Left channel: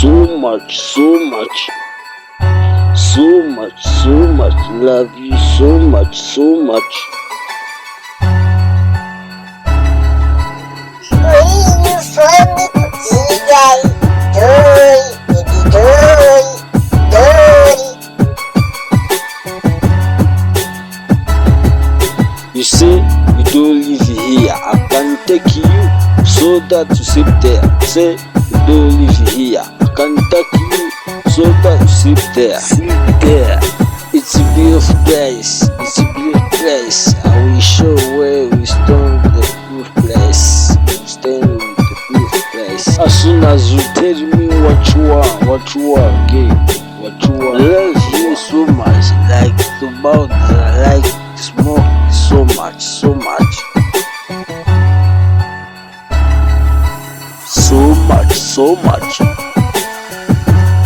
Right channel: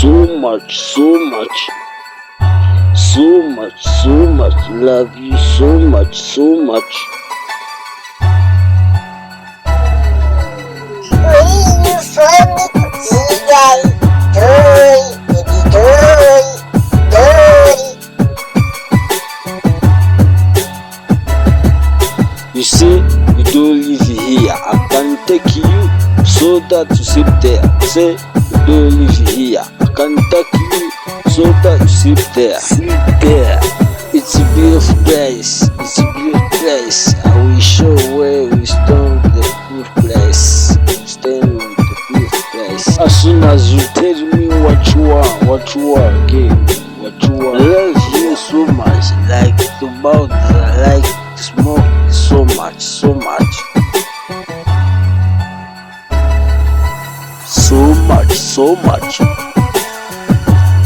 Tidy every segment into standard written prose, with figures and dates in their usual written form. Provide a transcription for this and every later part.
so much, so much, so much, so much. Love you so much, so much. You for me, Kugirango, baby, dory. You say you don't live here, I can take you so that you sleep there. Say you don't live here, I can take you so that you sleep there. Sleep there. It's a beautiful place. It's a beautiful place. I will show where we stand the beautiful place. We stand with the beautiful place. As soon as you tell me what you are again, what you are. I love you so much. Like the mouth, I like smoke so much, so much. So much, so much.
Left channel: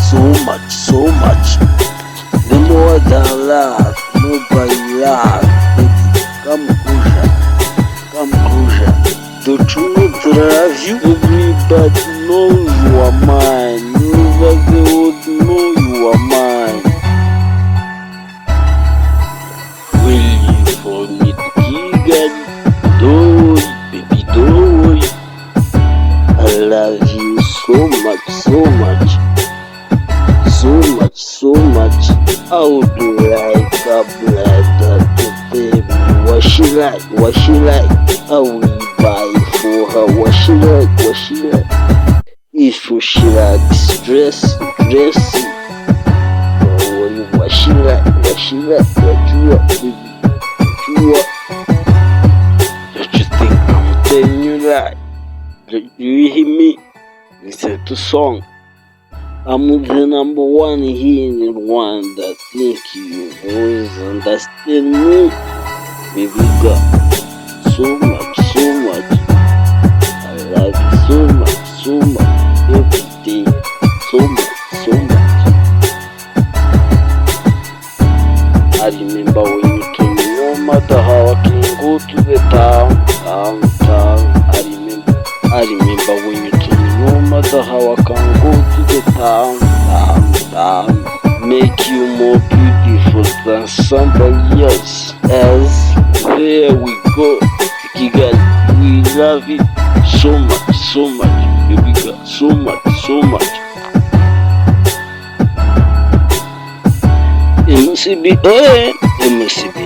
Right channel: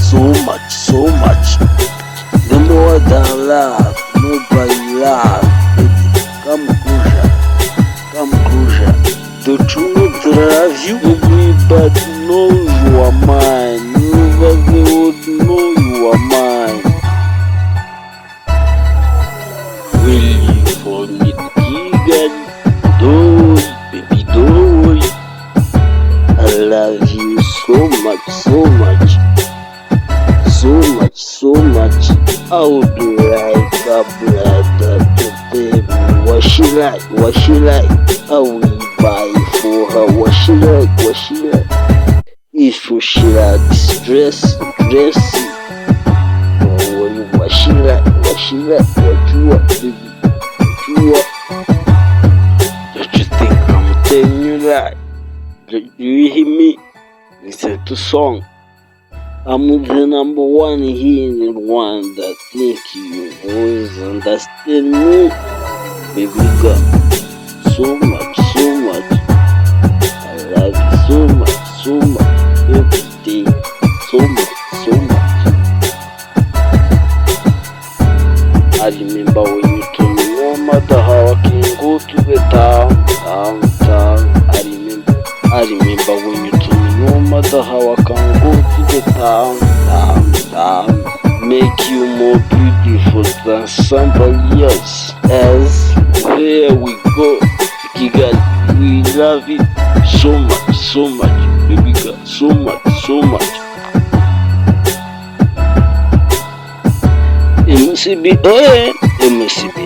So much, so much. The more than love, nobody love, baby. Come closer, come closer. Don't you know that I love you? Everybody knows you are mine. Nobody would know you are mine. Will you for me, Kigali? Don't worry, baby, don't worry. I love you so much, so much. So much, so much. I would like a brother to tell me what she like, what she like. I will buy for her what she like, what she like. If she like dressing, don't worry what she like, what she like. What you want, baby, what you want. Don't you think I'm telling you that? Do you hear me? Listen to song. I'm the number one here in Rwanda. Think you always understand me, baby girl. So much, so much. I love you so much, so much. Every day, so much, so much. I remember when you told me no matter how I can go to the town. I remember when you told me no matter how I can go to the town, make you more beautiful than somebody else. As there we go, Kigali, we love it so much, so much, baby girl, so much, so much. EMUCIB, EMUCIB,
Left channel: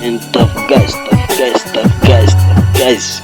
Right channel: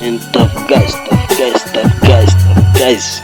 and tough guys, tough guys, tough guys, tough guys.